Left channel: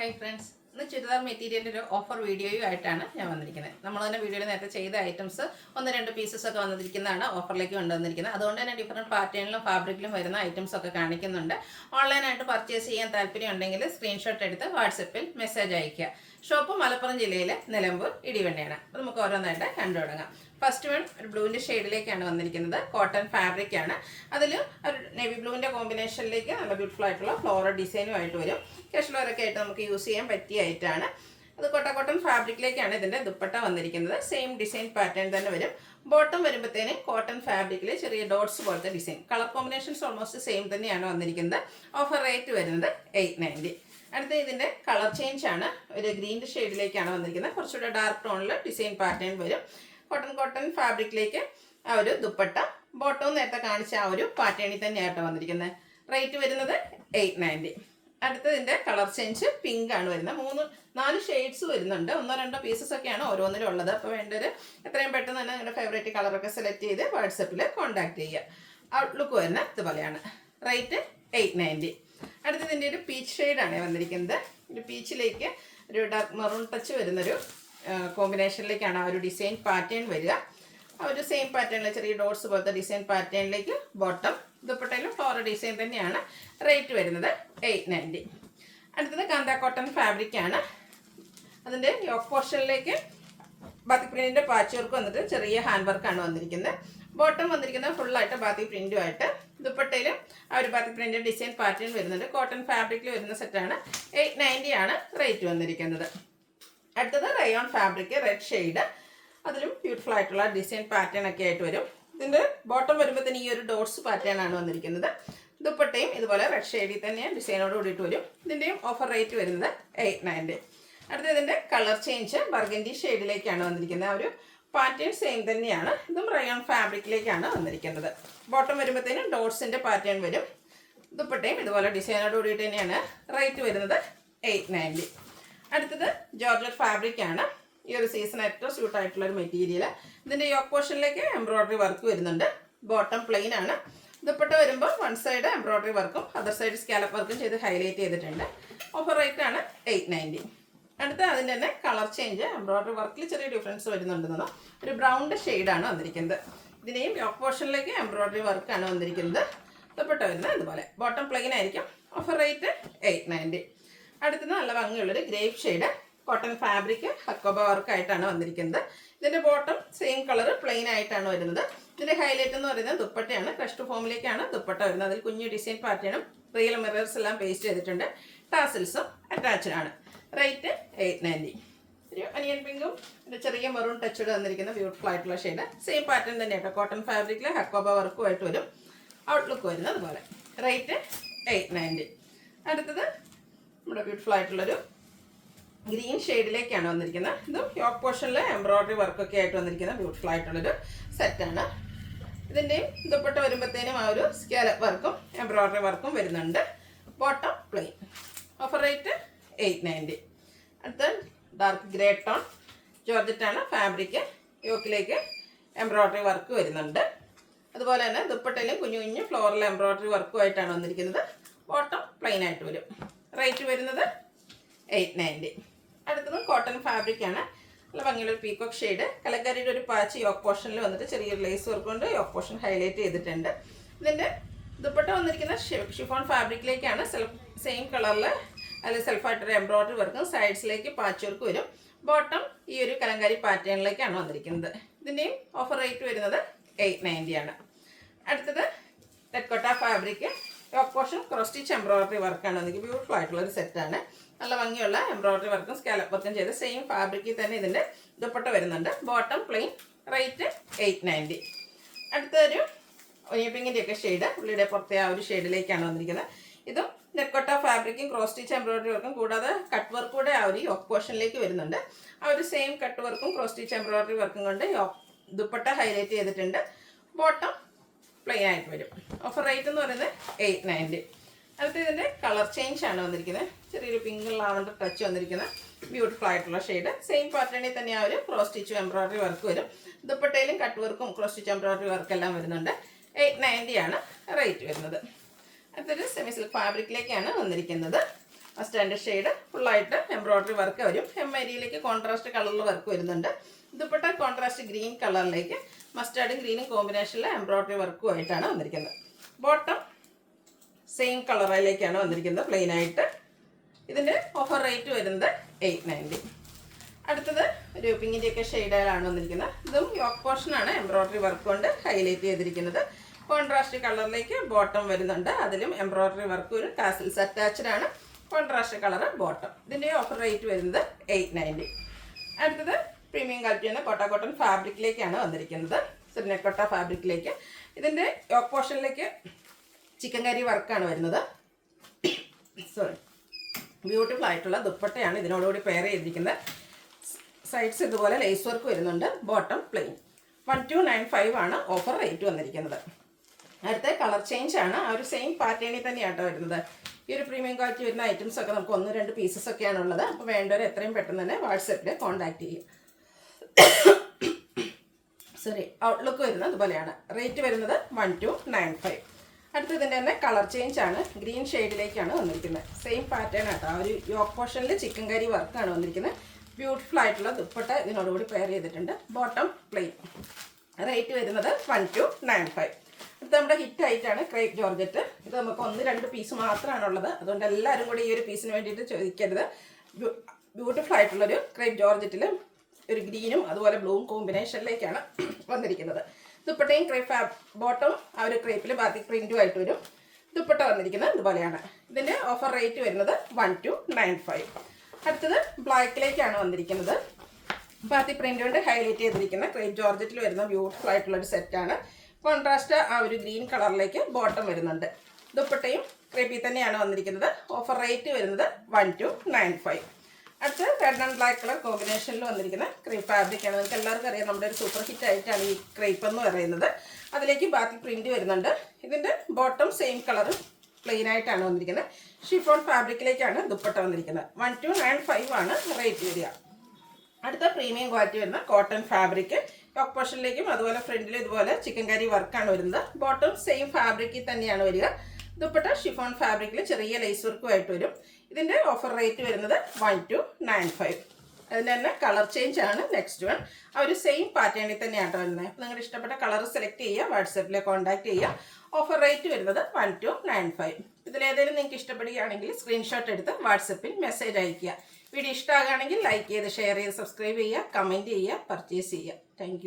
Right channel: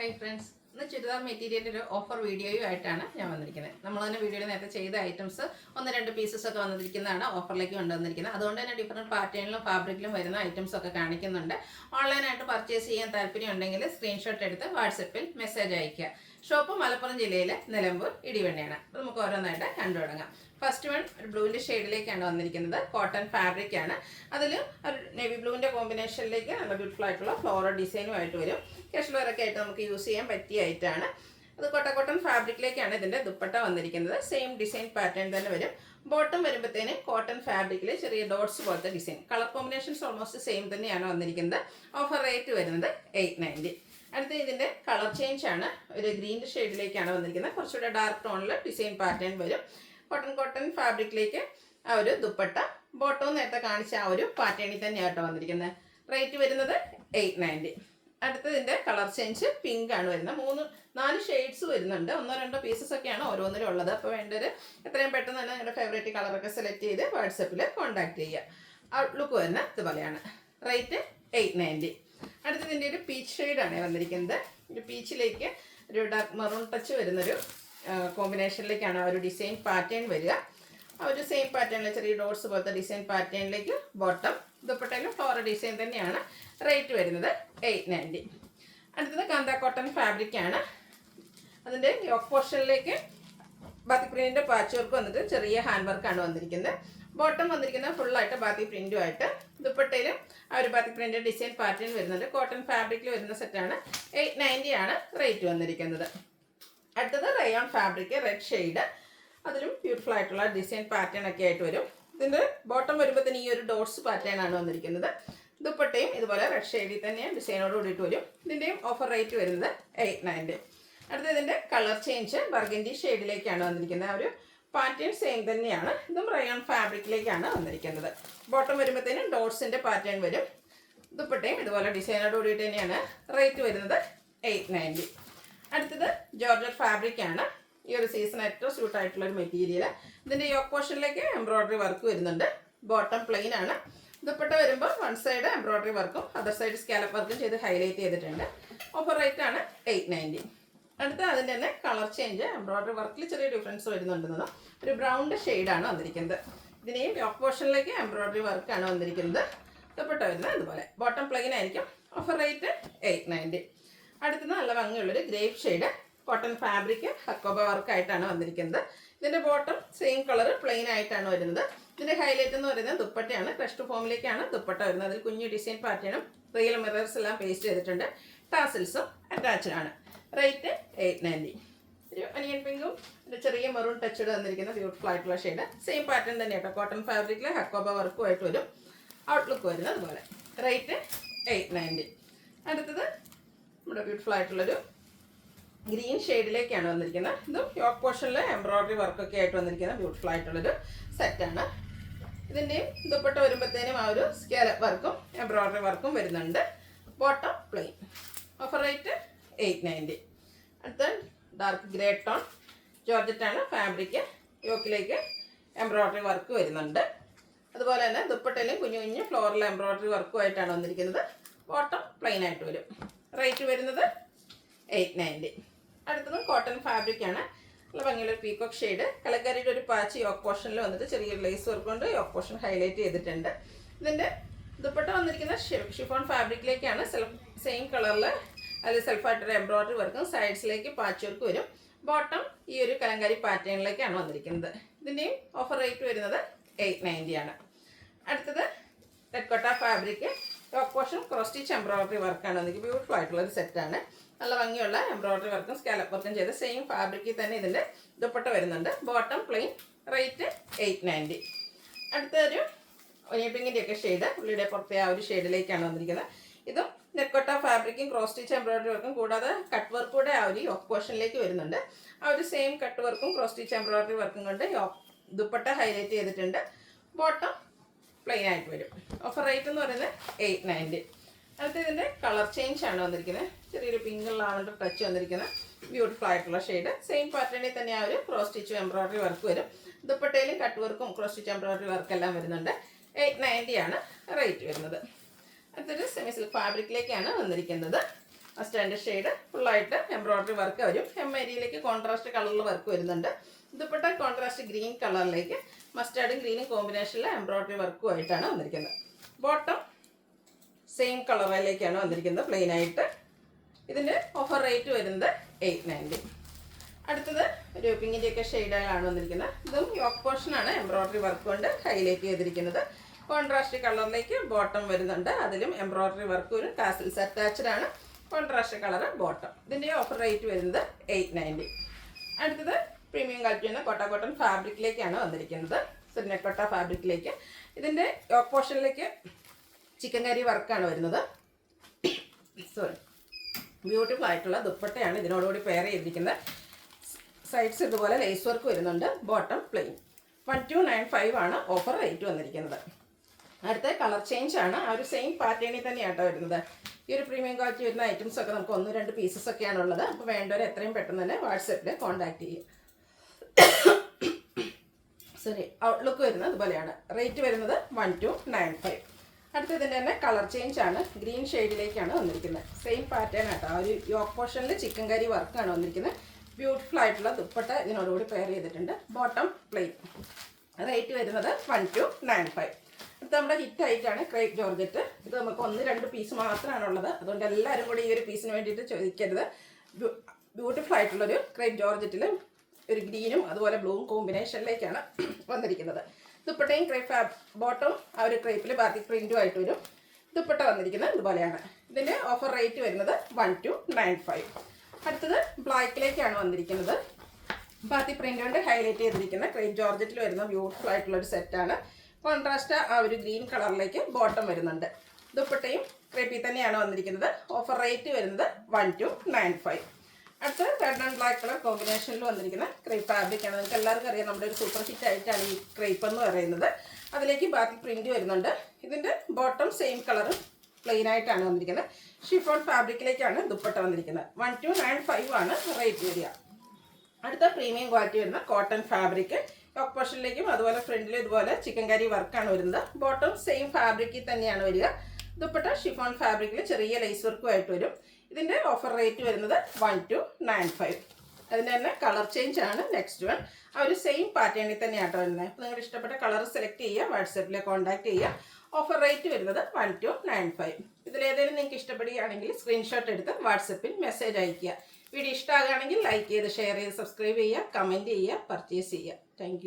Hi friends, ഇന്ന് ചുരിദാർ മെറ്റീരിയലിൽ ഒരു ഓഫർ വീഡിയോയുമായിട്ടാണ് ഞാൻ വന്നിരിക്കുന്നത്. നമ്മൾ തന്നെ വീഡിയോയിൽ നേരത്തെ ചെയ്ത ഐറ്റംസ് ഒന്ന് രണ്ട് പീസസ് ഒക്കെ വന്നിരിക്കുന്നതാണ് ഓഫറിലേക്ക് കൊണ്ടുവന്നിരിക്കുന്നത്. അതുകൊണ്ട് തന്നെ ഡിഫറെൻറ്റ് പാറ്റേണിലും ഫാബ്രിക്കിലും വരുന്ന ഐറ്റംസ് ഒക്കെ കാണിക്കുന്നുണ്ട്. ഓൺലൈനായിട്ട് പർച്ചേസ് ചെയ്യാൻ താല്പര്യം ഉണ്ടെങ്കിൽ സ്ക്രീൻഷോട്ട് എടുത്ത് വാട്സപ്പിൽ മെസ്സേജ് അയയ്ക്കുക. ഷോപ്പ് മലപ്പുറം ജില്ലയിലെ നിലമ്പൂർ ഇടിവണ്ണയാണ്. അപ്പോൾ നമുക്ക് ഓരോന്നായിട്ട് കണ്ടു തുടങ്ങാം. ഫസ്റ്റ് വൺ ഒരു ബ്ലൂവിൻ്റെ ഷെയ്ഡിലേക്കാണ് വന്നിരിക്കുന്നത്. കോട്ടൺ ഫാബ്രിക് ആണ്. അതിൽ ഒരു നേവി ബ്ലൂവിൻ്റെ കോമ്പിനേഷനിലേക്ക് നല്ല ബ്യൂട്ടിഫുൾ ആയിട്ടുള്ള ഫ്ലോറൽ ഡിസൈനുമായിട്ട് വരും. കാഷ്വൽ വെയറൊക്കെ ആയിട്ട് നമുക്ക് യൂസ് ചെയ്യാൻ പറ്റിയ ഐറ്റാണ്. അത് കോട്ടൺ ഫാബ്രിക്കിലേക്കാണ് ഇതിൻ്റെ ദുപ്പട്ട വന്നിരിക്കുന്നത്. സെയിം ഡിസൈൻ പാറ്റേൺ തന്നെ വരും. ബോട്ടം വരുമ്പോഴത്തേന് കോട്ടൺ ഫാബ്രിക്കിൽ ചെറിയ ഡോട്ട്സ് പോലത്തെ design. Colour combinations almost same തന്നെയാണ് വന്നിരിക്കുന്നത്. ഓഫർ റേറ്റ് വരുന്നത് 890. അടുത്ത ഇതിൻ്റെ കളർ ചേഞ്ച് ആണ്. ഒരു ഗ്രീൻ ഷെയ്ഡിലേക്കാണ് വന്നിരിക്കുന്നത്. കുറച്ചുകൂടെ ഡാർക്ക് ടോണിൽ ഡിസൈൻ പാറ്റേൺ വരും. കോട്ടൺ ഫാബ്രിക്കിലേക്ക് ആ ഒരു ദുപ്പട്ട, ബോട്ടവും നേരത്തെ കാണിച്ച ആ ഒരു പാറ്റേണിൽ തന്നെയാട്ടോ വന്നിരിക്കുന്നത്. റേറ്റ് വരുന്നത് 890. അടുത്തതിൻ്റെ കളർ ചേഞ്ച് പിങ്ക് ആണ് വരുന്നത്. 4 ഷെയ്ഡ്സ് വരുന്നുണ്ട്. 1-2 പീസസ് ഒക്കെയാണ് ഓരോന്നിലും ഉള്ളത്. അപ്പോൾ വേണ്ടൊരു എത്രയും പെട്ടെന്ന് തന്നെ നിങ്ങളുടെ ഫേവറേറ്റ് കളറൊക്കെ സെലക്ട് ചെയ്ത് വാട്സപ്പിൽ കോൺടാക്ട് ചെയ്യുക. ഔട്ട്ലുക്ക് വരുന്നത് ഇതുപോലെയാണ്. റേറ്റ് 890. അടുത്തതിൻ്റെ ഒരു പീച്ച് ഷെയ്ഡാണ് വന്നിരിക്കുന്നത്. ഒരു പീച്ചിലേക്ക് ഒരു ഡാർക്ക് മെറൂൺ ടച്ച് വരുന്നൊരു കോമ്പിനേഷനിലേക്കാണ് ആ ഒരു ഡിസൈൻ പാറ്റേൺ വരിക. ആ ഒരു സെയിം പാറ്റേണിൽ ചെറിയ ഡോട്ട്സ് പോലത്തെ ഡിസൈൻ പാറ്റേണിലേക്ക് ബോട്ടം, ദുപ്പട്ടയിലും ഫ്ലോറൽ ഡിസൈൻ തന്നെയാണ്. റേറ്റ് വരുന്നത് 890. അടുത്തത് കാന്ത കോട്ടൺ ഫാബ്രിക് ആണ്. അതിൻ്റെ യോക്ക് പോർഷനിലേക്ക് ബാത്തിക് പ്രിൻറ്റിൻ്റെ പാച്ച് വർക്ക് വന്നിട്ട് ചെറിയ ഹാൻഡ് വർക്കാണ് വന്നിരിക്കുന്നത്. ബോട്ടം വന്നിരിക്കുന്നത് ഫുള്ളായിട്ട് ബാത്തിക് പ്രിൻറ്റുമായിട്ട്. ദുപ്പട്ടയിലും ആ ഒരു ബാത്തിക് പ്രിൻറ്റ് ഡിസൈൻ പാറ്റേൺ വരുന്നുണ്ട്. കോട്ടൺ ഫാബ്രിക്കിൽ വരുന്ന സെറ്റാണ്. 890 ആണ് റേറ്റ് വന്നിരിക്കുന്നത്. അടുത്തത് റയോൺ ഫാബ്രിക്, റെഡ് ഷെയ്ഡ്. അതിലും ബ്യൂട്ടിഫുൾ ആയിട്ടുള്ള ഡിസൈൻ പാറ്റേൺ ഒക്കെ ആയിട്ട് വരും. ഇതിൻ്റെ ബോട്ടം വരുമ്പോഴത്തേന് ഈ ഒരു ഡോട്ട്സ് പാറ്റേൺ ആണ് വന്നിരിക്കുന്നത്. ദുപ്പട്ടയും ഇതുപോലെ റെഡ് ഷെയ്ഡിൽ തന്നെ ഡിസൈനോട് കൂടിയിട്ട് വരും. ഇതിൻ്റെയും ഓഫർ റേറ്റ് വരുന്നത് 890. അടുത്ത ഇതിൻ്റെ കളർ ചേഞ്ച് ബർഗൻഡി ഷെയ്ഡിലേക്കാണ് വന്നിരിക്കുന്നത്. ആ ഒരു പാറ്റേൺ സെയിം തന്നെയാണ്. ഇതും റയോൺ ഫാബ്രിക്കിലേക്കാണ് വന്നിരിക്കുന്നത്. ബോട്ടം വരുമ്പോഴത്തേനും ഡോട്ട്സിൻ്റെ പാറ്റേൺ വരും. ദുപ്പട്ടയും ഇതുപോലെ ഡിസൈനോട് കൂടിയിട്ട് തന്നെയാണ്. റേറ്റ് വരുന്നത് 890. അടുത്തത് ജോർജറ്റ് ഫാബ്രിക് ആണ്. ഈ ഒരു സീസൺ ഏറ്റവും സ്യൂട്ടായിട്ടുള്ളൊരു മെറ്റീരിയൽ. ഇതിൻ്റെ യോക്ക് പോർഷനിലേക്ക് എംബ്രോയ്ഡറി വർക്ക് വരുന്നുണ്ട്. ബോട്ടം പ്ലെയിൻ ആണ്. ദുപ്പട്ട വരുമ്പോൾ വൺ സൈഡ് എംബ്രോയ്ഡറി വർക്കും അതർ സൈഡ് സ്കാലപ്പ് വർക്കും ചെയ്ത് ഹൈലൈറ്റ് ചെയ്തിട്ടുണ്ട്. ഓഫർ റേറ്റ് ആണ് 890. അടുത്ത അതിൻ്റെ തന്നെ കളർ ചേഞ്ച്, എംബ്രോയ്ഡറി വർക്കിൽ ചെറിയ ഡിഫറൻസ് വരുന്നുണ്ടെന്ന്. ഒരു ബ്രൗൺ ഷെയ്ഡാണ് വന്നിരിക്കുന്നത്. ഇതിനെയും യോക്ക് പോർഷനിലേക്ക് എംബ്രോയ്ഡറി വർക്കാണ് വന്നിരിക്കുന്നത്. ദുപ്പട്ട വരുന്നത് ഇതുപോലെ. ബോട്ടം പ്ലെയിൻ ആയിരിക്കും. Offer rate 890. അടുത്തത് നല്ല ഭംഗിയുള്ളൊരു grape shade cotton fabric Hakoba വർക്കായിട്ടാണ് വന്നിരിക്കുന്നത്. ഇതിൻ്റെ ബോട്ടം സെയിം കളർ പ്ലെയിൻ ആയിട്ടാണ് വരുന്നത്. ഇതിൻ്റെ ഹൈലൈറ്റ് എന്ന് പറയുന്നത് ദുപ്പട്ടയാണ്. ക്രഷ്ഡ് ഫോമിലേക്കാണ് ദുപ്പട്ട വരുന്നത്. അതിൽ കുഞ്ഞു ഡിസൈൻ പാറ്റേണും റിയൽ മിറേഴ്സ് എല്ലാം പേസ്റ്റ് ചെയ്തിട്ടുണ്ട്. ടാസിൽസും അറ്റാച്ച്ഡ് ആണ്. റേറ്റ് 890. ഒരു അനിയൻ പിങ്കും ഒരു ചെറിയ മെറൂൺ ടച്ചോട് വന്നിരിക്കുന്ന ബ്യൂട്ടിഫുൾ ആയിട്ടുള്ള ഷെയ്ഡ്. സെയിം പാറ്റേൺ തന്നെയാട്ടോ. കോട്ടൺ ഫാബ്രിക്കിൽ ഹക്കോബ വർക്കുമായിട്ട് വരും. ഔട്ട്ലുക്ക് വരുന്നത് അതുപോലെ. റേറ്റ് 890. അടുത്തത് നമ്മുടെ ബ്യൂട്ടിഫുൾ ആയിട്ടുള്ളൊരു ഗ്രീൻ ഷെയ്ഡിലേക്കാണ് വന്നിരിക്കുന്നത്. ഇതും യോക്ക് പോർഷനിൽ എംബ്രോയ്ഡറി വർക്കൊക്കെ ആയിട്ട് വന്നിരിക്കുന്ന ബ്യൂട്ടിഫുൾ ആയിട്ടുള്ളൊരു സെറ്റാണ്. ഇതിൻ്റെയും ദുപ്പട്ട വരുമ്പോഴത്തേനും ആ ഒരു സ്കാലപ്പ് വർക്കും എംബ്രോയ്ഡറി വർക്കും വരുന്നുണ്ട്. Bottom plain. Offer rate 890. അടുത്ത ഡാർക്ക് ഗ്രേ ടോൺ ജോർജറ്റാണ് ഫാബ്രിക്. യോക്കിലേക്ക് എംബ്രോയ്ഡറി വർക്ക് വരുന്നുണ്ട്. അതുപോലെ തന്നെ ദുപ്പട്ടയിലും കുഞ്ഞു കുഞ്ഞു ഫ്ലോറൽ എംബ്രോയ്ഡറി വർക്കുമായിട്ടാണ് വന്നിരിക്കുന്നത്. ബോട്ടം പ്ലെയിൻ ആയിട്ട് വരും. റേറ്റ് വരുന്നത് 890. അടുത്തത് കോട്ടൺ ഫാബ്രിക് ആണ്. നല്ല ഭംഗിയുള്ള ഒരു പീകോക്ക് ഷെയ്ഡ്. കലങ്കാരിയുടെ ഒരു പാച്ച് യോക്ക് പോർഷനിൽ വന്നിട്ട് ചെറിയൊരു ലേസ് വർക്ക് കൊണ്ട് യോക്ക് പോർഷൻ ഹൈലൈറ്റ് ചെയ്തിട്ടുണ്ട്. ഇതിൻ്റെ ദുപ്പട്ട വന്നിരിക്കുന്ന ഷിഫോൺ ഫാബ്രിക്കിലേക്കാണ്. സെയിം കളറിൽ അതിൽ സെൽഫായിട്ടൊരു എംബ്രോയ്ഡറി വർക്കും സൈഡ്സിലേക്ക് പാച്ച് വർക്ക് വരും. ബോട്ടം ഈ ഒരു കലങ്കാരി പാറ്റേണിലേക്കാണ് വന്നിരിക്കുന്നത്. ഇതിൻ്റെയും ഓഫർ റേറ്റ് വരുന്നത് 890 ആണ്. അടുത്തത് ടെക്കോട്ട fabric yoke portion cross stitch embroidery വർക്കാണ് വന്നിരിക്കുന്നത്. ബ്യൂട്ടിഫുൾ ആയിട്ടുള്ളൊരു സെറ്റാണ്. നല്ല ഭംഗിയുള്ള എംബ്രോയ്ഡറി വർക്കും സ്കാലപ്പ് വർക്കും ചെയ്ത് സെയിം ഫാബ്രിക്കിൽ തന്നെ ഇതിൻ്റെ ദുപ്പട്ട വരുന്നുണ്ട്. Bottom plain. റേറ്റ് 890. അടുത്തൊരു പിങ്കിൻ്റെയൊക്കെ ഷെയ്ഡ് ഉള്ളിയുടെ പുറത്തെ ആ ഒരു ഷെയ്ഡിലേക്കാണ് വന്നിരിക്കുന്നത്. ഇതും നെക്കോട്ട ഫാബ്രിക്കും ക്രോസ് സ്റ്റിച്ച് എംബ്രോയ്ഡറി വർക്കും കൂടാതെ കട്ട് വർക്ക് കൂടെ ആ ഒരു യോക്ക് പോർഷനിലേക്ക് വരുന്നുണ്ട്. ആ ഒരു സെയിം കട്ട് വർക്കും ക്രോസ് സ്റ്റിച്ച് എംബ്രോയ്ഡറി വർക്കും കൊണ്ട് ദുപ്പട്ട ഹൈലൈറ്റ് ചെയ്തിട്ടുണ്ട്. ബോട്ടം പ്ലെയിൻ ആയിട്ട് വരും. ഓഫർ റേറ്റ് എന്ന് പറയുന്നത് 890. അടുത്ത ഇതിൻ്റെ കളർ ചേഞ്ച് ആണ് വന്നിരിക്കുന്നത്. ചെറിയൊരു പിങ്ക് ലാവണ്ടർ ടച്ച് വന്നിരിക്കുന്ന ബ്യൂട്ടിഫുൾ ആയിട്ടുള്ള ഷെയ്ഡ്. സെയിം പാറ്റേണിൽ തന്നെ ആ ഒരു ക്രോസ് സ്റ്റിച്ച് എംബ്രോയ്ഡറി വർക്ക് വരും. ദുപ്പട്ടയിലും കട്ട് വർക്കും ക്രോസ് സ്റ്റിച്ച് എംബ്രോയ്ഡറി വർക്കെല്ലാം വരുന്നുണ്ട്. 890 ആണ് റേറ്റ് വരുന്നത്. അടുത്തൊരു സെമി സിൽക്ക് ഫാബ്രിക്കിലേക്കാണ് വന്നിരിക്കുന്നത്. സ്റ്റാൻഡേർഡ് ഷെയ്ഡ് ഫുള്ളായിട്ട് എംബ്രോയ്ഡറി വർക്ക് വരും. hem ഏരിയയിലേക്ക് കോൺട്രാസ്റ്റ് കളറിൽ വർക്ക് വരുന്നുണ്ട്. ദുപ്പട്ട കോൺട്രാസ്റ്റ് ഗ്രീൻ കളറിലേക്ക് മസ്റ്റാർഡും ഗ്രീനും കോമ്പിനേഷനിൽ എംബ്രോയ്ഡറി വർക്കുമായിട്ടാണ് വന്നിരിക്കുന്നത്. ബോട്ടം സെയിം കളറിലേക്കാണ് വന്നിരിക്കുന്നത്, പ്ലെയിൻ ആയിട്ട്. ഇതിൻ്റെ ഓഫർ റേറ്റ് വരുന്നത് 890. അടുത്തത് ഒരു പിങ്കിൻ്റെയൊക്കെ ഷെയ്ഡാണ് വന്നിരിക്കുന്നത്. ഇതും യോക്ക് പോർഷനാണ് എംബ്രോയ്ഡറി വർക്ക് കൊണ്ട് ഹൈലൈറ്റ് ചെയ്തിരിക്കുന്നത്. കോൺട്രാസ്റ്റ് കളറിലേക്ക് ബോട്ടം വരുന്നുണ്ട്, അതിലും എംബ്രോയ്ഡറി വർക്ക് ഒരു ടാസിൽസ് അറ്റാച്ച്ഡ് ആണ്. Contrast colour bottom. ഇതിൻ്റെ ഓഫർ റേറ്റ് വരുന്നത് 890. അടുത്തത് പ്രീമിയം ക്വാളിറ്റിയാണ് കോട്ടൺ ഫാബ്രിക്കിലേക്കാണ് വന്നിരിക്കുന്നത്, സിറിനക്കോട്ട ഫാബ്രിക്കിലേക്ക്. ഇതിൻ്റെ യോക്ക് പോർഷനിലേക്ക് ചിക്കൻ കറി വർക്കാണ് വരുന്നത്. സോറി, ബ്യൂട്ടിഫുൾ ആയിട്ടുള്ള ദുപ്പട്ടയാണ് ഇതിനോടുകൂടി പെയർ ചെയ്തിരിക്കുന്നത്. സൈഡ്സ് ഇതുപോലെ ലേസ് വർക്ക് വരുന്നുണ്ട്. Bottom plain. 1295 ആണ് ഓഫർ റേറ്റ് വന്നിരിക്കുന്നത്. അടുത്ത കളർ ചേഞ്ച് ആണ്, ആ ഒരു സെയിം പാറ്റേണിൽ തന്നെയാട്ടോ വരുന്നത്. ഈ ഒരു പ്രീമിയം ക്വാളിറ്റി വരുന്ന ഐറ്റംസ് ഒക്കെ നമുക്ക് 1-2 പീസസ് ഒക്കെയാണ് ഉള്ളത്. അപ്പോൾ വേണ്ടവർ എത്രയും പെട്ടെന്ന് തന്നെ വാട്സപ്പിൽ കോൺടാക്ട് ചെയ്യും. സോറി, ഔട്ട്ലുക്ക് വരുന്നത് അതുപോലെയാണ്. റേറ്റ് വരുന്നത് 1295. അടുത്തതിൻ്റെ തന്നെ കളർ ചേഞ്ച് ആണ്, ഗ്രീൻ ഷെയ്ഡിലേക്കാണ് വന്നിരിക്കുന്നത്. സെയിം പാറ്റേൺ ആട്ടോ, ആ ഒരു യോക്ക് പോർഷനിൽ ചിക്കൻ കറി വർക്കാണ് വന്നിരിക്കുന്നത്. ബ്യൂട്ടിഫുൾ ആയിട്ടുള്ള ദുപ്പട്ട ഇതിനോടുകൂടി പെയർ ചെയ്തിട്ടുണ്ട്. Bottom plain. റേറ്റ് വരുന്നത് 1295. ഇത് നമ്മുടെ ഹിറ്റ് ആയിട്ടാണ് ക്രേപ്പ് ജോർജറ്റ്. ഇത് നമുക്ക് 1-2 പീസ് മാത്രമാണുള്ളത്, അതുകൊണ്ട് എല്ലാവരും കൂടി ഈ ഒരു പീസിന് വേണ്ടിയിട്ട് ചോദിക്കരുത്. ബ്യൂട്ടിഫുൾ ആയിട്ടുള്ളൊരു ക്രേപ്പ് ജോർജറ്റിൽ ഒരു ഗ്രീനും അതുപോലെ ബ്ലൂവും കോമ്പിനേഷനിലേക്കാണ് വന്നിരിക്കുന്നത്. ദുപ്പട്ടയും ക്രേപ്പ് ബോട്ടം ആ ഒരു ക്രേപ്പിൽ ബാക്കി പ്രിൻറ്റുമായിട്ട് വരും. ദുപ്പട്ട വന്നിരിക്കുന്നത് ഇതുപോലെയാണ്. ഇതിൻ്റെ ഓഫർ റേറ്റ് വരുന്നത് 1295. അടുത്തത് ബ്ലാക്കിലേക്കാണ് വന്നിരിക്കുന്നത്. ബാത്തി പ്രിൻ്റ് കൊണ്ട് ഹൈലൈറ്റ് ചെയ്തിരിക്കുന്ന ക്രേപ്പ് ജോർജറ്റിൽ വരുന്ന ബ്യൂട്ടിഫുൾ ആയിട്ടുള്ളൊരു സെറ്റാണ്. കോൺട്രാസ്റ്റ് ആ ഒരു ഗ്രീൻ കളറിലേക്ക് ബോട്ടം വരുന്നുണ്ട്. ദുപ്പട്ടയും ക്രേപ്പിൽ തന്നെയാണ് വന്നിരിക്കുന്നത്. ഓഫർ റേറ്റ് വരുന്നത് 1295. അടുത്ത് റെഡ് ആൻഡ് ബ്ലാക്ക് കളർ കോമ്പിനേഷനിൽ വന്നിരിക്കുന്ന ക്രേപ്പ് ഫാബ്രിക്കാണ്. നമുക്ക് എല്ലാവർക്കും അറിയാം, നമ്മുടെ ഒരു സൂപ്പർ ഹിറ്റ് ആയിട്ടാണ് ഈ ക്രേപ്പ് എന്ന് പറയുന്നത്. അതിലേക്ക് ബാക്കി പ്രിൻറ്റ് വരുന്നുണ്ട്. ഇതിൻ്റെ ബോട്ടം സെയിം കളർ പ്ലെയിൻ ആയിട്ടാണ് വന്നിരിക്കുന്നത്. ഷിഫോൺ ഫാബ്രിക്കിലേക്കാണ് ദുപ്പട്ട വന്നിരിക്കുന്നത്. 1295 ആണ് റേറ്റ് വരിക. അടുത്ത പ്രീമിയം ക്വാളിറ്റി വരുന്ന കോട്ടൺ ഫാബ്രിക്. ടോപ്പ് പോർഷനിലേക്കും അതുപോലെ ഫ്രണ്ടിൽ ഇതുപോലെ ചിക്കൻ കറി വർക്കാണ് വരുന്നത്. ബോട്ടം സെയിം ഫാബ്രിക്കിൽ തന്നെയാണ് വരിക. ദുപ്പട്ട ഷിഫോൺ ഫാബ്രിക്കിൽ ചെറിയ ലേസ് വർക്കുമായിട്ട് വരും. ഇതിൻ്റെ ഓഫർ റേറ്റ് വരുന്നത് 1295. അതിൻ്റെ തന്നെ കളർ ചേഞ്ച് ആണ് നെക്സ്റ്റ് വൺ. ആ ഒരു സെയിം പാറ്റേണിൽ തന്നെയാണ് വരുന്നത്. അപ്പോൾ നിങ്ങളുടെ ഇഷ്ടപ്പെട്ട കളർ സെലക്ട് ചെയ്യുക, വാട്സപ്പിൽ കോൺടാക്ട് ചെയ്യുക. ഓഫർ റേറ്റ് വരുന്നത് 1295. ഇതിലേതെങ്കിലും നിങ്ങൾക്ക് ഇഷ്ടപ്പെടുകയാണെങ്കിൽ സ്ക്രീൻഷോട്ട് എടുത്ത് വാട്സപ്പിൽ മെസ്സേജ് അയയ്ക്കുക. വീഡിയോ ഇഷ്ടമാകുകയാണെങ്കിൽ ലൈക്ക് ചെയ്ത് ഷെയർ ചെയ്ത് സബ്സ്ക്രൈബ് ചെയ്യുക, കമൻറ്റ് ചെയ്യുക, പർച്ചേസ് ചെയ്യുക. താങ്ക്